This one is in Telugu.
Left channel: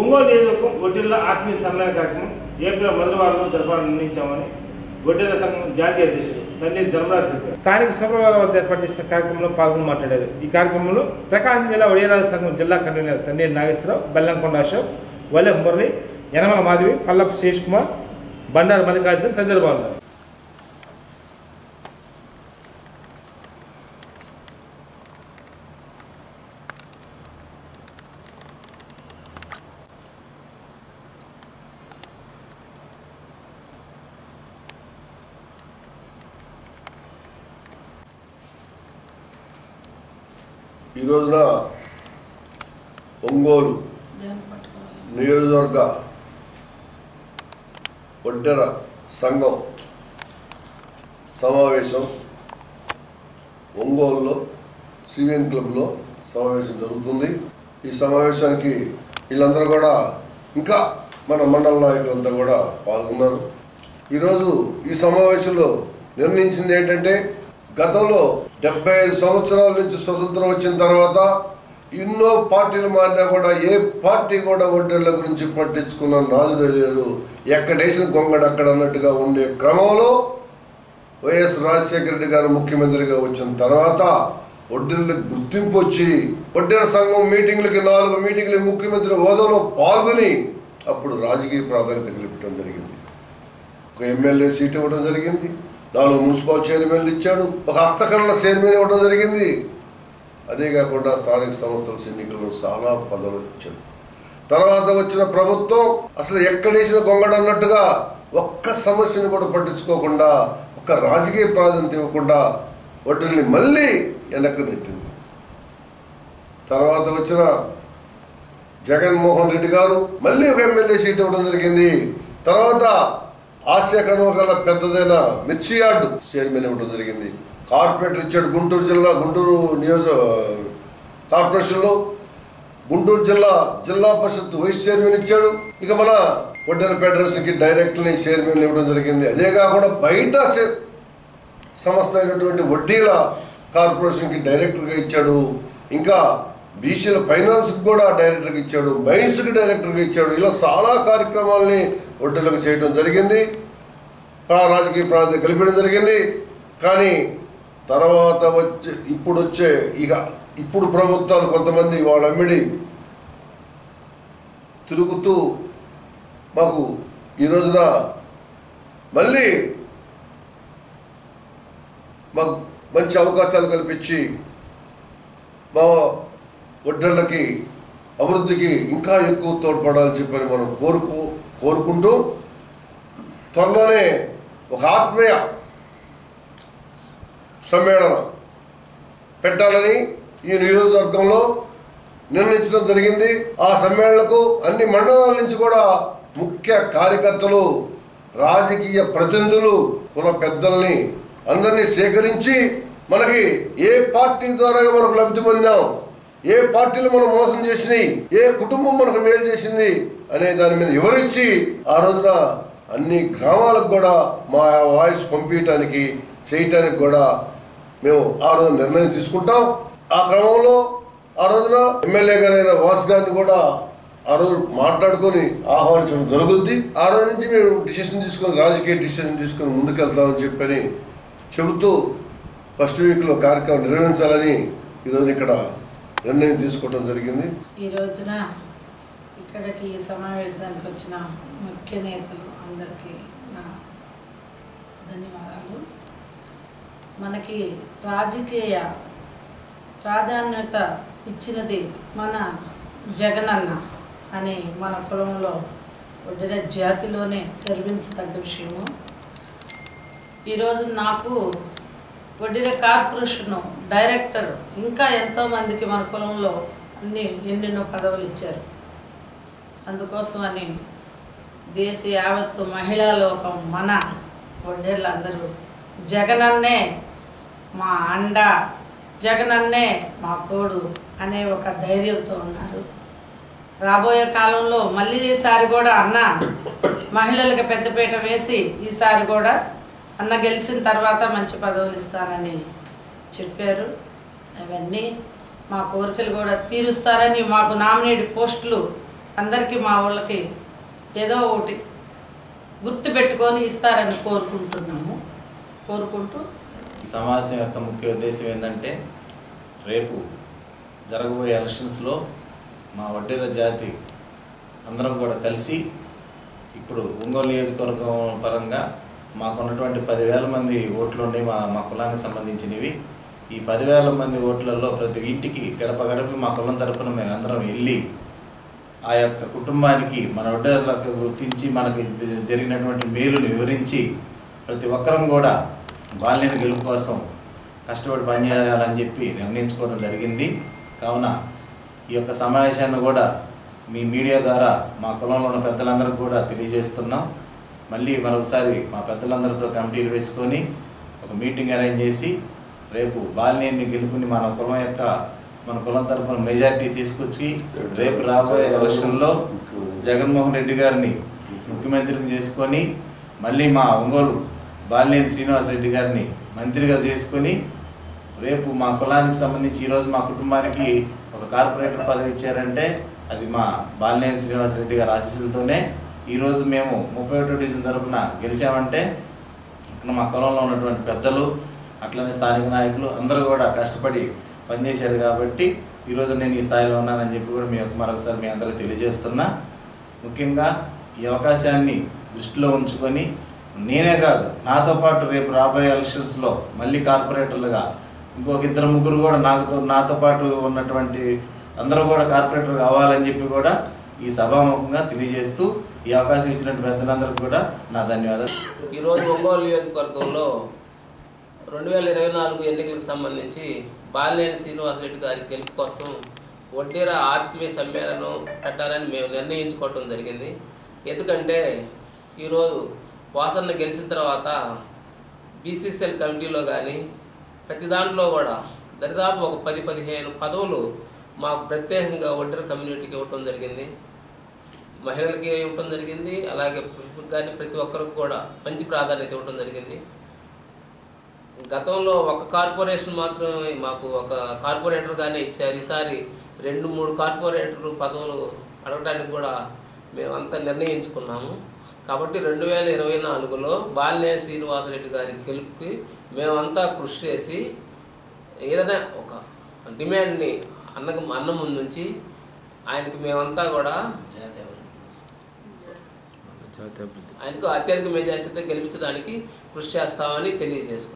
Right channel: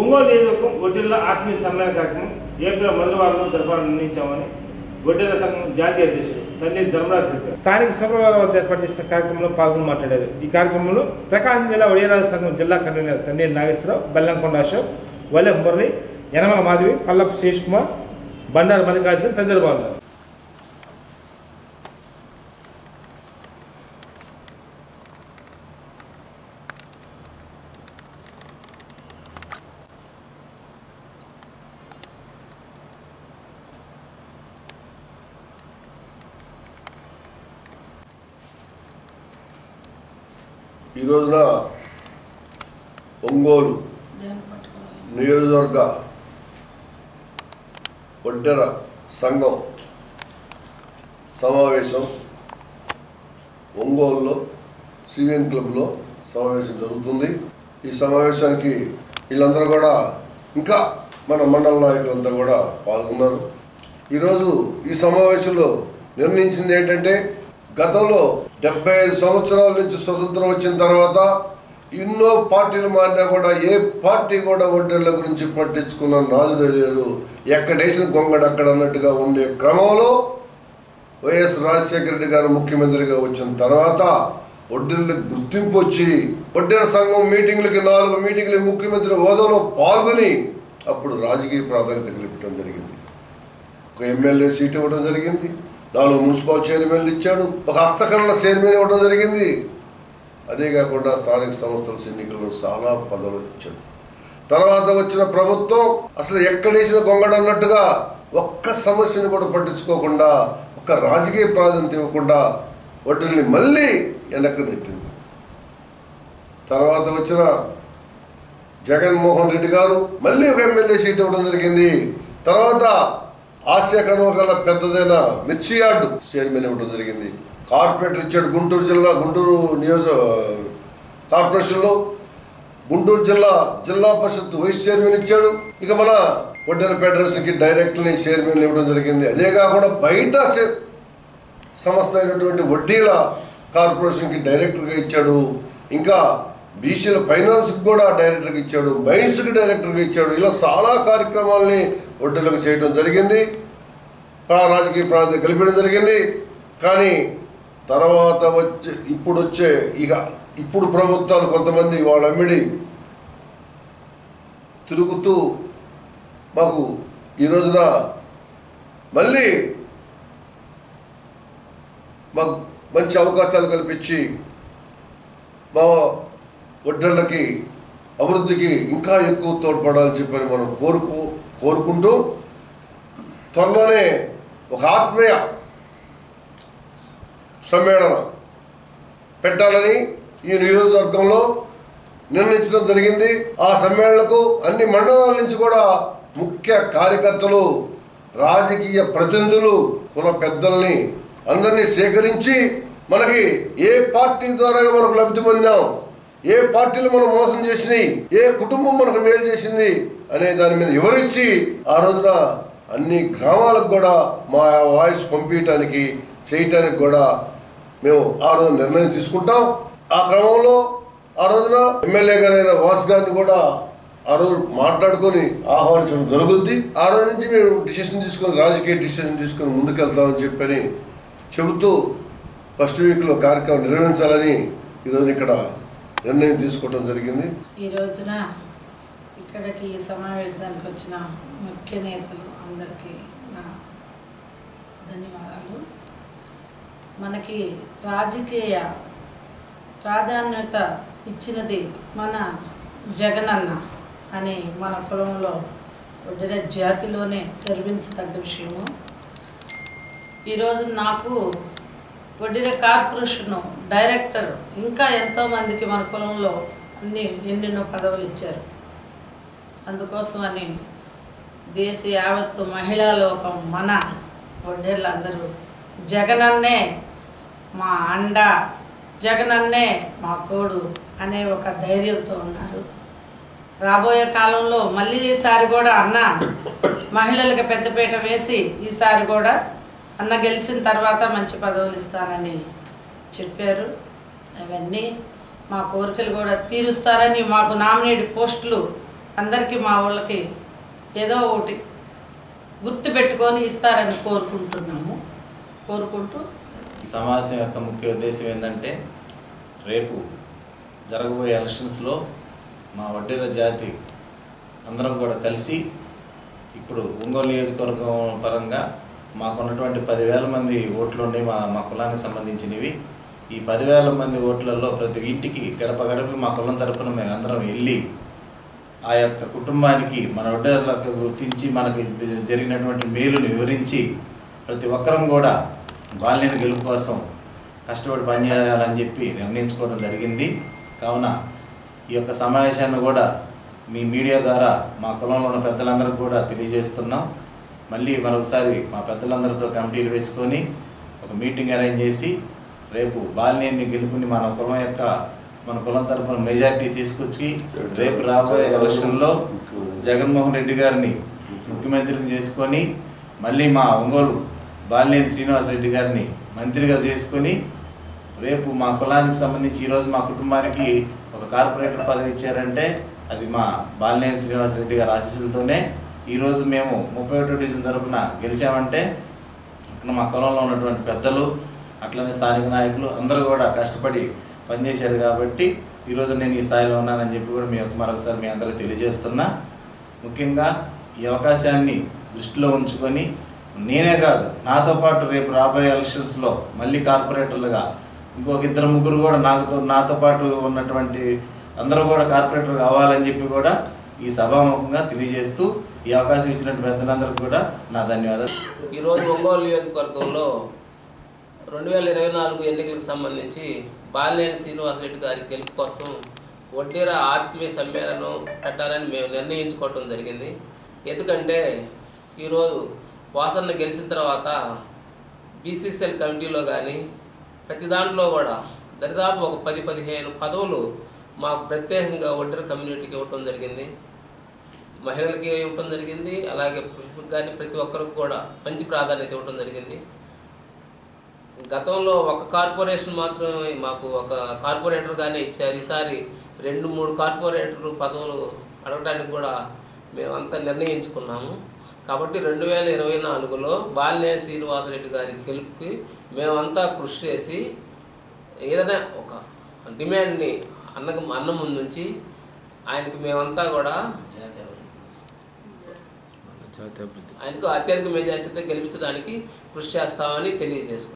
ఒంగోలు నియోజకవర్గం వడ్డీర్ల ఆత్మీయ సమ్మేళన కార్యక్రమం ఏప్రిల్ మొదటి వారంలో జరపాలని నిర్ణయించామని వడ్డీర్ల సంఘం జాతీయ అధ్యక్షుడు తన్నీరు ధర్మరాజు తెలిపారు. స్థానిక శుక్రవారం వద్ద ఏర్పాటు చేసిన కార్యక్రమంలో పాల్గొని మాట్లాడారు. ఈ కార్యక్రమంలో ప్రకాశం జిల్లా వడ్డీర్ల సంఘం జిల్లా కన్వీనర్ తన్నీరు నాగేశ్వరరావు, బెల్లంకొండ అశోక్, వల్లె మురళి, యనమల మాధవి, పల్లపు శేష్ కుమార్, బండారు మల్లికార్జున తదితరులు పాల్గొన్నారు. ఈ రోజున ఒంగోలు నియోజకవర్గ వడ్డెర సంఘం సమావేశం ఒంగోలులో సివిఎన్ క్లబ్లో సమావేశం జరుగుతుంది. ఈ సమావేశానికి వీళ్ళందరూ కూడా ఇంకా మన మండల నాయకులంతా కూడా పాల్గొన్నారు. ఈరోజు ఈ సమావేశంలో నిర్ణయించింది ఏంటంటే, గతంలో 75 సంవత్సరాల నుంచి స్వతంత్రం వచ్చిన తర్వాత ఎన్నో పార్టీలు మారినా కూడా ఏ పార్టీ కూడా వడ్డీర్ల గురించి పట్టించుకున్న నాదుడే లేడు. ఎక్కడేసిన గొంగడ అక్కడ అన్నట్టుగా ఉండే క్రమంలో వైఎస్ రాజశేఖర రెడ్డి గారు ముఖ్యమంత్రిగా వచ్చిన తర్వాత వడ్డీర్లకు గుర్తింపు వచ్చి వడ్డీర సంఘం మీటింగ్లకి 4 మీటింగ్లు ముఖ్యమంత్రి హోదాలో పాల్గొని అప్పుడు రాజకీయ ప్రాధాన్యత కల్పించడం జరిగింది. ఒక ఎమ్మెల్యే సీట్ ఇవ్వడం జరిగింది, 4 మున్సిపల్ చైర్మన్లు ఇచ్చాడు, ఒక హస్తకళల చైర్మన్ ఇవ్వడం జరిగింది. అదే కాకుండా స్థానిక సంస్థల ఎన్నికల్లో చాలా పదవులు ఇచ్చాడు. తర్వాత వచ్చిన ప్రభుత్వం అసలు ఎక్కడేసిన గొంగడ అన్నట్టుగా ఒక్క సమస్యను కూడా పట్టించుకోకుండా, ఒక్క రాజకీయ ప్రాధాన్యత ఇవ్వకుండా వడ్డీల్ని మళ్ళీ వెనక్కి నెట్టింది. తర్వాత వచ్చిన జగన్మోహన్ రెడ్డి గారు మళ్ళీ ఒక ఎమ్మెల్యే సీట్ ఇవ్వడం జరిగింది. తర్వాత ఆసియా కనుమగల పెద్దదైన మిర్చి యార్డు చైర్మన్ ఇవ్వడం జరిగింది. కార్పొరేటర్ ఇచ్చాడు. గుంటూరు జిల్లా గుంటూరు కార్పొరేషన్లో గుంటూరు జిల్లా పరిషత్ వైస్ చైర్మన్ ఇచ్చాడు. ఇక మన వడ్డెర ఫెడరేషన్కి డైరెక్టర్ని చైర్మన్ ఇవ్వడం జరిగింది. అదే కాకుండా బయట సంస్థ అయినటువంటి వడ్డీల కార్పొరేషన్కి డైరెక్టర్గా ఇచ్చాడు. ఇంకా బీసీల ఫైనాన్స్కి కూడా డైరెక్టర్గా ఇచ్చాడు, మైన్స్కి డైరెక్టర్గా ఇచ్చాడు. ఇలా చాలా కార్యక్రమాలని వడ్డీలకు చేయడం జరిగింది, రాజకీయ ప్రాధాన్యత కల్పించడం జరిగింది. కానీ తర్వాత ఇప్పుడు ప్రభుత్వాలు కొంతమంది వాళ్ళ అమ్మిడి తిరుగుతూ మాకు ఈ రోజున మళ్ళీ మాకు మంచి అవకాశాలు కల్పించి మా వడ్డీర్లకి అభివృద్ధికి ఇంకా ఎక్కువ తోడ్పడాలని చెప్పని మనం కోరుకుంటూ త్వరలోనే ఒక ఆత్మీయ సమ్మేళనం పెట్టాలని ఈ నియోజకవర్గంలో నిర్ణయించడం జరిగింది. ఆ సమ్మేళనకు అన్ని మండలాల నుంచి కూడా ముఖ్య కార్యకర్తలు, రాజకీయ ప్రతినిధులు, కుల పెద్దల్ని అందరినీ సేకరించి మనకి ఏ పార్టీ ద్వారా మనకు లబ్ధి పొందాం, ఏ పార్టీలు మనం మోసం చేసినాయి, ఏ కుటుంబం మనకు మేలు చేసింది అనే దాని మీద వివరించి ఆ రోజున అన్ని గ్రామాలకు కూడా మా వాయిస్ పంపించడానికి చేయటానికి కూడా మేము ఆ రోజు నిర్ణయం తీసుకుంటాం. ఆ క్రమంలో ఆ రోజున ఎమ్మెల్యే గారైన వాస్ గారిని కూడా ఆ రోజు మాట్లాడుకొని ఆహ్వానించడం జరుగుద్ది. ఆ రోజు నుంచి మేము రాజకీయ డిసిషన్ తీసుకొని ముందుకెళ్తామని చెప్పని చెబుతూ ఫస్ట్ వీక్లో కార్యక్రమం నిర్వహించాలని ఈరోజు ఇక్కడ నిర్ణయం తీసుకోవడం జరిగింది. ఈ రోజున ఇక్కడికి సమావేశానికి వచ్చిన ముఖ్య నేతలు అందరికీ నా ధన్యవాదాలు. మనకి రాజకీయ ప్రాధాన్యత ఇచ్చినది మన జగనన్న అని మన కులంలో వడ్డెర జాతిలోనే గర్వించదగ్గ విషయము. ఈరోజు నాకు వడ్డెర కార్పొరేషన్ డైరెక్టర్ ఇంకా ఎంతోమందికి మన కులంలో ఎన్నెన్నో పదవులు ఇచ్చారు. అందుకోసమని దేశ యావత్తు మహిళా లోకం మన వడ్డెర్లందరూ జగనన్నే మా అండ, జగనన్నే మా తోడు అనే ఒక ధైర్యంతో ఉన్నారు. రాబోయే కాలంలో మళ్ళీ ఈసారి కూడా అన్న మహిళలకు పెద్దపీట వేసి ఈసారి కూడా అన్న గెలిచిన తర్వాత మంచి పదవులు ఇస్తానని చెప్పారు. అవన్నీ మా కోరికలు కూడా తీరుస్తారని, మాకు నామినేట్ పోస్టులు అందరికీ మా వాళ్ళకి ఏదో ఒకటి గుర్తు పెట్టుకొని ఇస్తారని కోరుకుంటూ ఈ సమావేశం యొక్క ముఖ్య ఉద్దేశం ఏంటంటే రేపు జరగబోయే ఎలక్షన్స్లో మా వడ్డేర జాతి అందరం కూడా కలిసి ఇప్పుడు ఒంగోలు నియోజకవర్గం పరంగా మాకున్నటువంటి 10,000 మంది ఓట్లు ఉన్నాయి మా కులానికి సంబంధించినవి. ఈ 10,000 మంది ఓట్లలో ప్రతి ఇంటికి గడప గడప మా కులం తరపున మేము అందరం వెళ్ళి ఆ యొక్క కుటుంబానికి మన వడ్డేర్లకు గుర్తించి మనకి జరిగినటువంటి మేలుని వివరించి ప్రతి ఒక్కరం కూడా బాలినేని గెలుపు కోసం కష్టపడి పనిచేయాలని చెప్పి నిర్ణయించుకోవడం జరిగింది. కావున ఈ యొక్క సమావేశాన్ని కూడా మీ మీడియా ద్వారా మా కులంలో ఉన్న పెద్దలందరికీ కూడా తెలియజేస్తున్నాం. మళ్ళీ మరొకసారి మా పెద్దలందరితో కమిటీలు వేసుకొని ఒక మీటింగ్ అరేంజ్ చేసి రేపు బాలినేని గెలుపుని మన కులం తరపున మెజారిటీ తీసుకొచ్చి రేపు రాబోయే ఎలక్షన్లో జగన్మోహన్ రెడ్డి గారిని ముఖ్యమంత్రిని చేసుకొని మళ్ళీ మా ఒంగోలు బాలినేని శ్రీనివాసరెడ్డి గారిని మంత్రిగా చేసుకొని రేపు మా కులానికి సంబంధించి ఈరోజు మా కుటుంబానికి ఒక కార్పొరేటర్ పదవి ఇచ్చారంటే అది మా బాలినేని శ్రీనివాసరెడ్డి గారి ఆశీస్సులతోనే. ఈరోజు మేము 31వ డివిజన్ తరపున గెలిచామంటే మా కులంలో ఉన్నటువంటి పెద్దలు అట్లనే స్థానిక నాయకులు అందరూ కూడా కష్టపడి పనిచేశారు కాబట్టి ఈరోజు నేను ఈ స్థాయిలో ఉన్నానని చెప్పి కూడా మరొకసారి మీ అందరికీ తెలియజేస్తున్నా. ముఖ్యంగా ఈ అవకాశాన్ని దృష్టిలో ఉంచుకొని నేనే కాదు నాతో పాటు రేపు రాబోయే ఎలక్షన్స్లో మళ్ళీ కార్పొరేటర్లుగా ఇంకొక 2-3 కూడా నాతో పాటు ఉన్నటువంటి అందరూ కూడా కార్పొరేటర్ కావాలని చెప్పి కూడా ఈ సభాముఖంగా తెలియజేస్తూ ఈ అవకాశం ఇచ్చినట్టు పెద్దలందరికీ కూడా నా ధన్యవాదాలు. ఈరోజు ఒంగోలు నియోజకవర్గంలో 2024 ఎన్నికలకు సంబంధించి బాలినేని శ్రీనివాసరెడ్డి గారి గెలుపు కోసం వడ్డేర ఆత్మీయ సమ్మేళనం పెట్టాలని మేము నిర్ణయించుకోవటం జరిగింది. ఎందుకంటే ఈరోజు వాసన్న గెలిచిన తర్వాత బీసీసీఎల్ కమిటీలో కానీ ప్రతి దాంట్లో కూడా దరిదాపు ఒక 10-15 పదవులు మాకు ప్రత్యేకంగా వడ్డేర కమ్యూనిటీకి ఇవ్వటం జరిగింది, మహిళలకి ఇవ్వటం జరిగింది, అలాగే పురుషులకు కానీ ప్రతి ఒక్కరికి కూడా మంచి ప్రాధాన్యత ఇవ్వటం జరిగింది. గతంలో ఒక కార్పొరేషన్ మాత్రమే మాకు ఒక కార్పొరేటర్గానే ఇచ్చారు. ఈసారి 2-3 కార్పొరేటర్ పదవులు అడగడానికి కూడా మేమంతా నిర్ణయించుకున్నాము. కాబట్టి 2024లో బాలినేని శ్రీనివాసరెడ్డి గారి గెలుపుకి మేమంతా కృషి చేసి ఏదైనా ఒక డిమాండ్ని అన్న ముందు నుంచి ఆయనకి మేమంతా కూడా ఆయనకు అత్యధిక మెజార్టీతో గెలిపించడానికి కృషి చేస్తామని తెలియజేసుకుంటాం.